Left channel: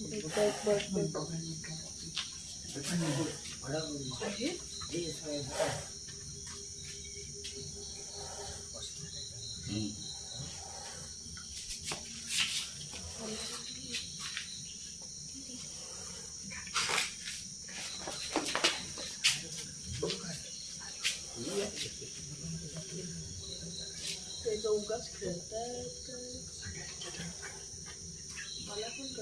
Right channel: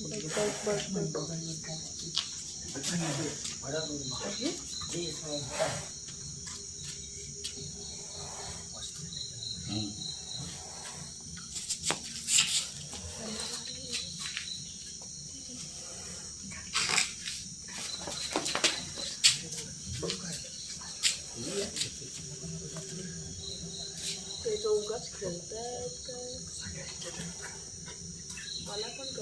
Bak bak bak bak. Это угас, крылатка.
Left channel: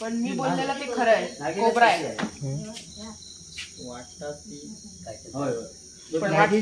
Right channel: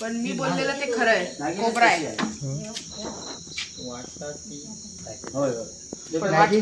पण मी बोललेलं ते खरं आहे. कोबरा आहे? वाटतात की होय होय. पण वाट-